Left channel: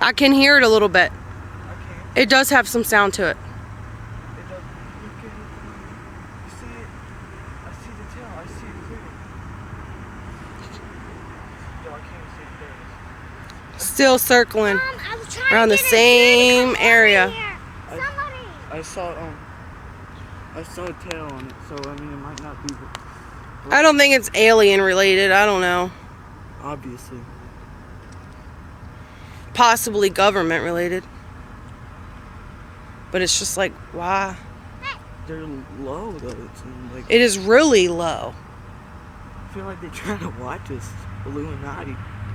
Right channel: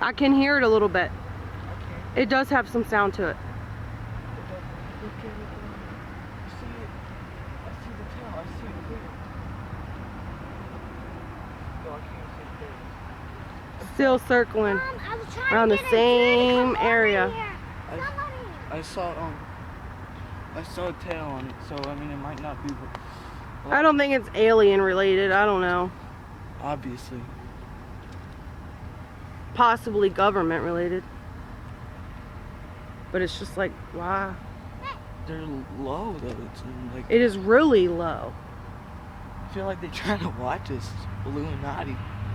I can hear it a little bit. I can't. It does have some sound to it. It does. Look at it. You see it? I see the tail. I see it clearly. No, I can't see it. There it is. Still circling Mom, I was trying around to the get a deer to same come over area. here. Somebody. I saw a tail on it, so I mean it might not be. I don't think it's alien related. I don't know. Obviously. Possibly government related. But it's just like, why? They're low though. It seems like. It is really low. I feel like they're trying to watch us. Illuminati.